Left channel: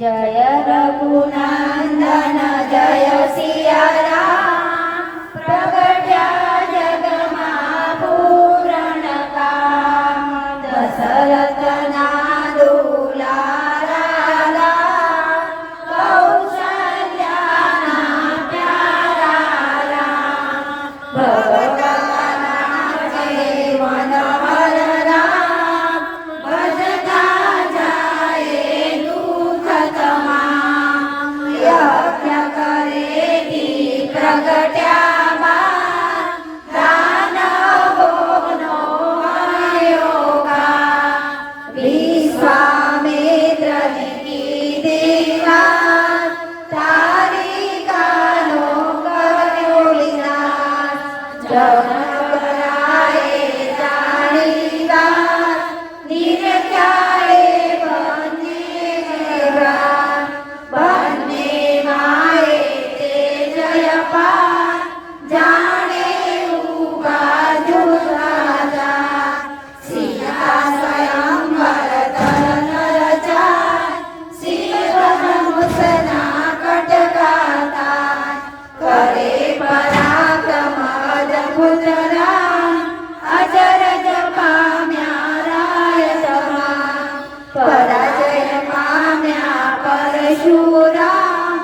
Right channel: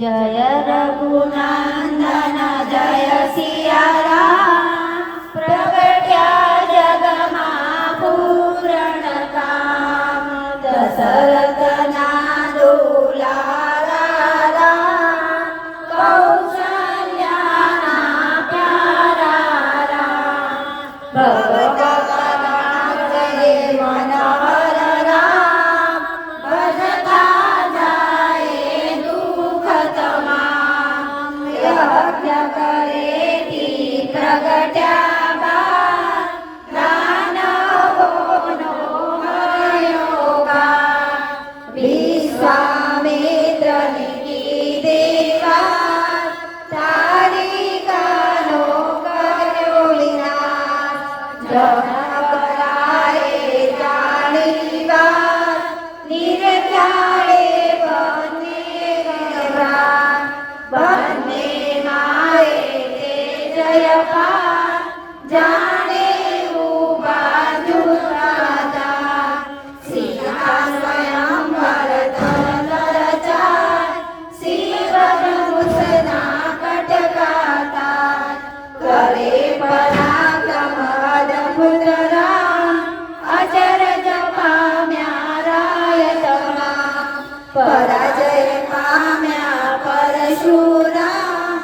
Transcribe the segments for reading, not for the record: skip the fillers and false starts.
जय रघुनंदन जय सिया राम, प्रगट्या जगमा पूरण काम। दशरथ दुलारा राम, कौशल्या प्यारा राम। भगवान जय मनोहर राम, भजता जाए दुख तमाम। यज्ञ करे ती प्रगट्या बाण, दानवोनो हर्योगा। विश्वामित्रने कीधी वात, तारिकानो कर्यो विनाश। जनक राये जाणी वात, निरख्याए बने प्राण। बने माए ते जय पाठ, जाने बाजू राजा। सीता स्वयं वरदन रचाय, श्रीवनमुसना कटकाता। करे पराक्रम अद्भुत राम, अजरज पाम्या रायतमा। पराजय पाम्या परशुराम,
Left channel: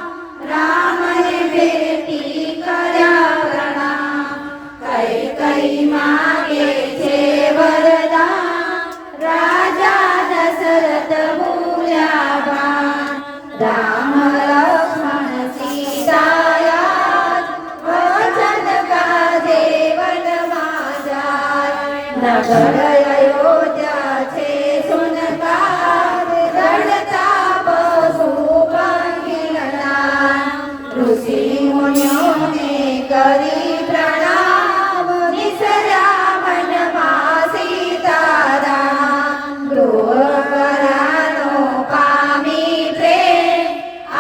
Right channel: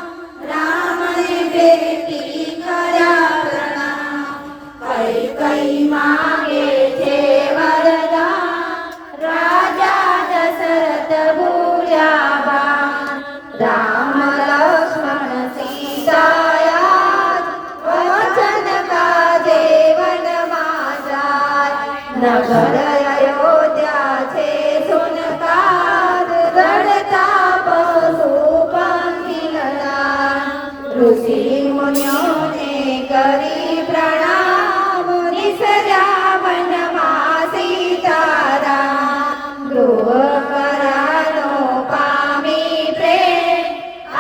रामने भेटी कर्या प्रणाम। कैकेयी मागे छे वरदान, राजा दशरथ भूल्या बाण। राम लक्ष्मण सीता याद, वचन काजे वनमा जाय। नगर अयोध्या छे सुनकार, गणता पशु पंखी लड़ान। ऋषि मुनियोने करी प्रणाम, निसर्या वनमा सीताराम। गृह करानो पामी प्रेम,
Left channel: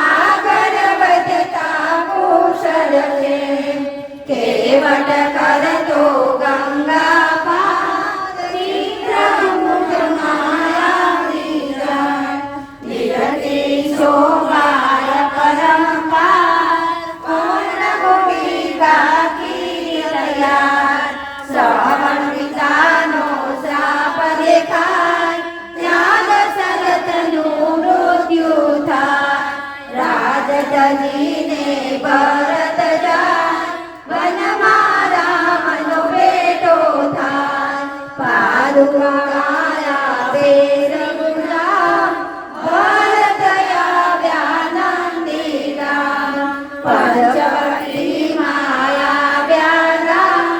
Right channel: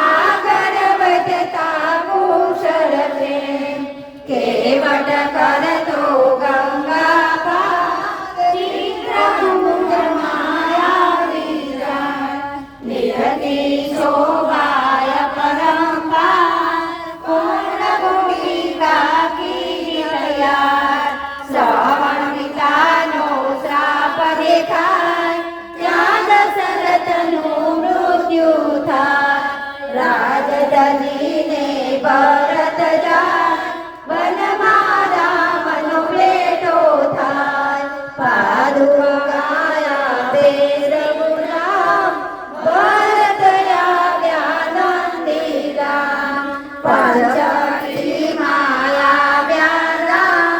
आगर बजता कुशल प्रेम। केवट करतो गंगा पार, चित्रकूट माया विजय। निरति शोभाय परम्पार, पूर्णगुणिका कीर्तयार। श्रवणपितानो श्राप देखाय, ત્યાં દશરથનું મૃત્યુ થાય। રાજધનીને ભરત જાય, વનમાં રામનો ભેટો થાય। પાદુકાયા તે રઘુરામ, ભરત આવ્યા નંદીગ્રામ। પંચવટી માયા રામ,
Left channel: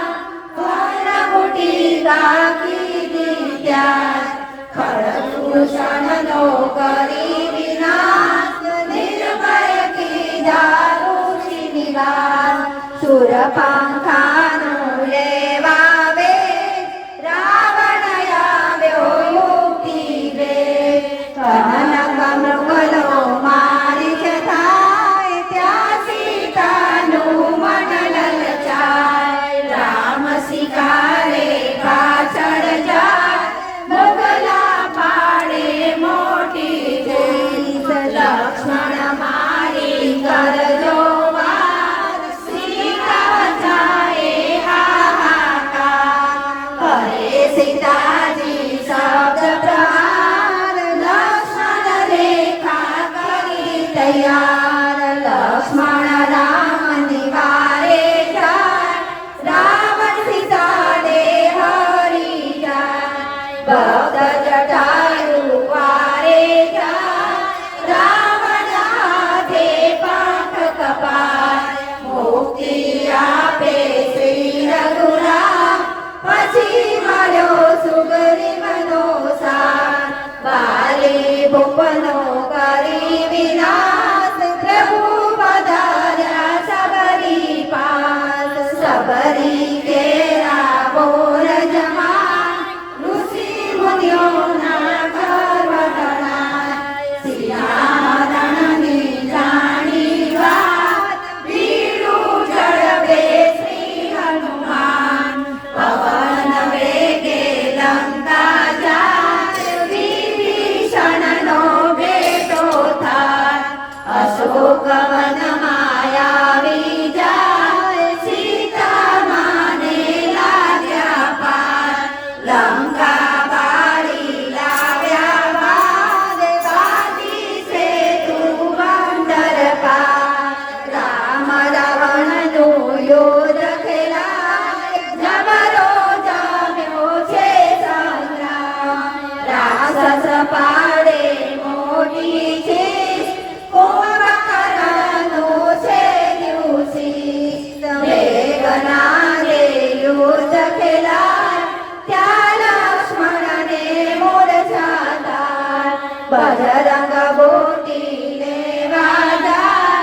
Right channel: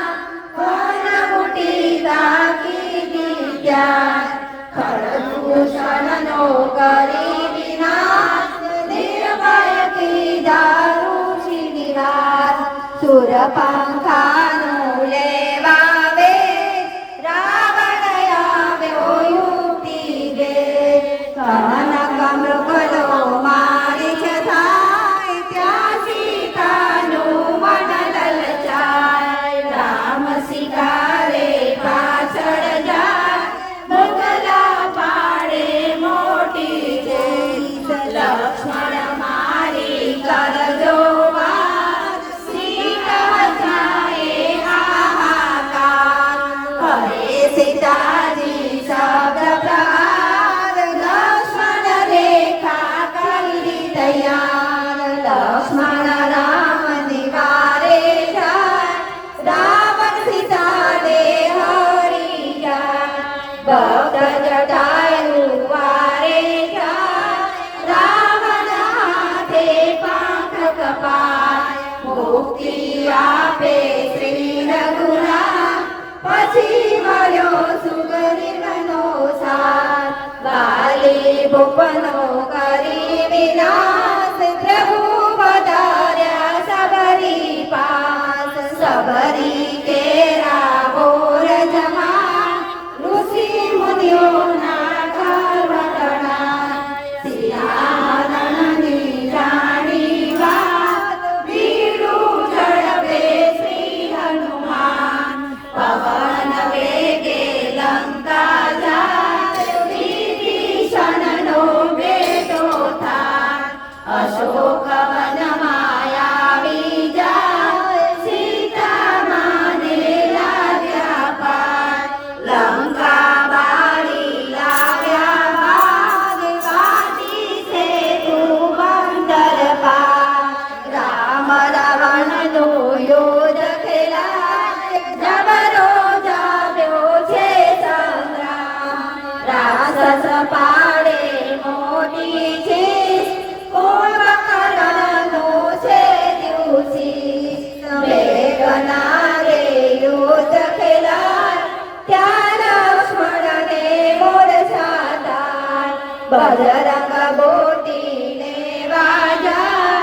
કર્ણકુટીકા કીધી ત્યાં। ખરદૂષણનો કરી વિનાશ, નિર્ભય કીધા ઋષિ નિવાસ। સુરપંખાનો લેવા વેશ, રાવણ આવ્યો યુક્તિ ભેદ। કનક મૃગલો મારી છે થાય, ત્યાં સીતાનું મન લલચાય। રામ શિકારે પાછળ જાય, મોગલા પાડે મોટી જેત। લક્ષ્મણ મારી કરજો વાત, સીતા થાય હાહાકાર। હરે સીતાજી શબ્દ પ્રહાર, લક્ષ્મણ રેખા કરી તૈયાર। લક્ષ્મણ રામ નિવારે જાય, રાવણ સીતાને હરી જાય। ભક્ત જટાયુ વારે જાય, રાવણ હાથે પાંખ કપાય। મુક્તિ આપે શ્રી રઘુરામ, પછી મળ્યો સુગ્રીવનો સાથ। વાલી ભૂપનો કરી વિનાશ, પ્રભુ પધાર્યા સબરી પાસ। સબરી કેરા બોર જમાય, ઋષિ મુનિઓના ગર્વ તણાય। સિયારણની જાણી વાત, વીરું ઝડપે શ્રી હનુમાન। પવન વેગે લંકા જાય, વિભીષણનો ભેદ અશોકવનમાં આવી જાય સીતા માને લાગ્યા પાર લંકા બારી લાવ્યા બાદ વાતી છે તું બંદર પાર રામ રાવણનું યુદ્ધ ખેલાય જબરો જામ્યો છે સંગ્રામ રાક્ષસ પાડે મોટી છે કુંભકર્ણનું છે દિવસી મેઘનાદે યુદ્ધ ખેલાય ત્યાં લક્ષ્મણને મૂર્છા થાય બજરંગ બુટીને વાજાય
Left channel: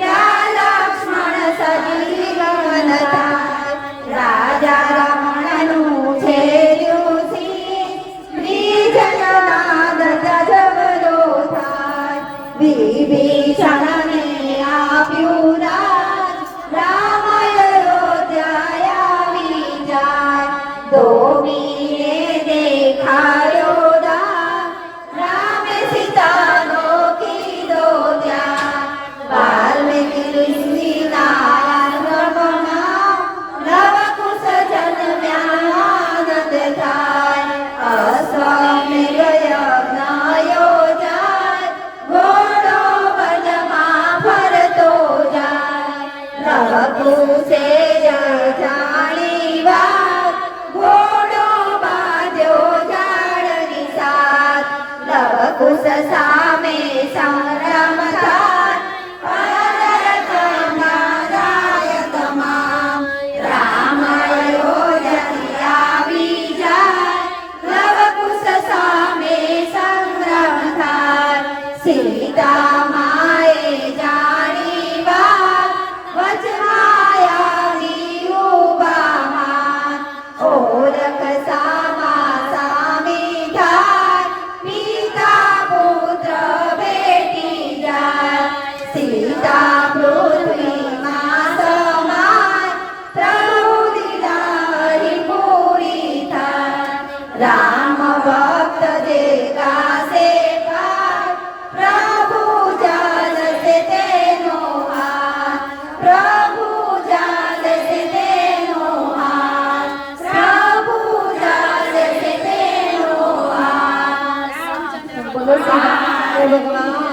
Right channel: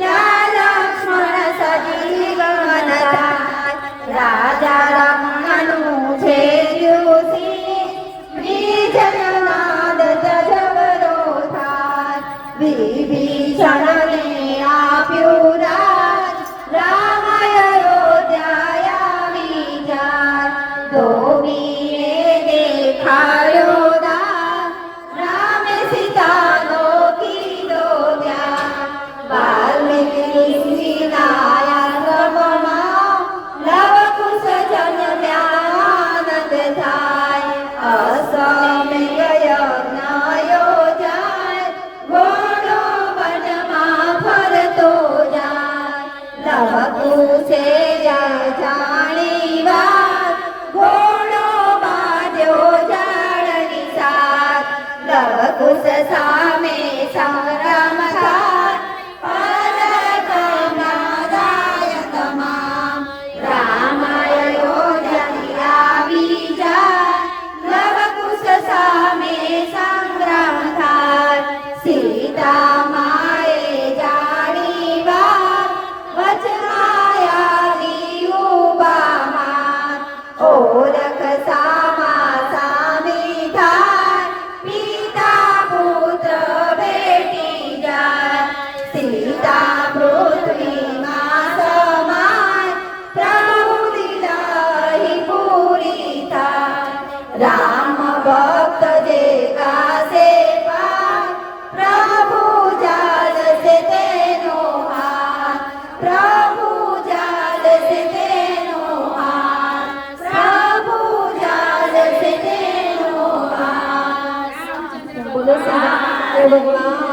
ત્યાં લક્ષ્મણ સજીવન થાય રાજા રમણનું છે દિવસી વિજયનાદ જબરો થાય વિભીષણને આપ્યું રાજ રામ અયોધ્યા આવી જાય ધોબીને દેખાયો દાન રામે સીતાનો કીધો ધ્યાન વાલ્મીકી ઋષિના આશ્રમમાં લવકુશ જન્મ્યા આનંદ થાય અશ્વમેઘ યજ્ઞ યોજાય ઘોડો વનમાં ફરતો જાય લવકુશે જય જાણી વાત ઘોડો બાંધ્યો ઝાડની સાથ લવકુશ સામે સંગ્રામ થાય પરતના જાય તમામ રામ અયોધ્યાથી આવી જાય લવકુશ સામે સંગ્રામ થાય સીતા માએ જાણી વાત વચમાં આવી ઉભા માન ઓળખ સામા સામી થાય પિતા પુત્ર બેટી જાય સીતા પૃથ્વીમાં સમાય પ્રભુ દીદારી પૂરી થાય રામ ભક્ત જે ગાશે પાર પ્રભુ જાલશે તેનો હાથ પ્રભુ જાલશે તેનો હાથ પ્રભુ જાલશે તેનો હાથ બોલો શ્રી રામ.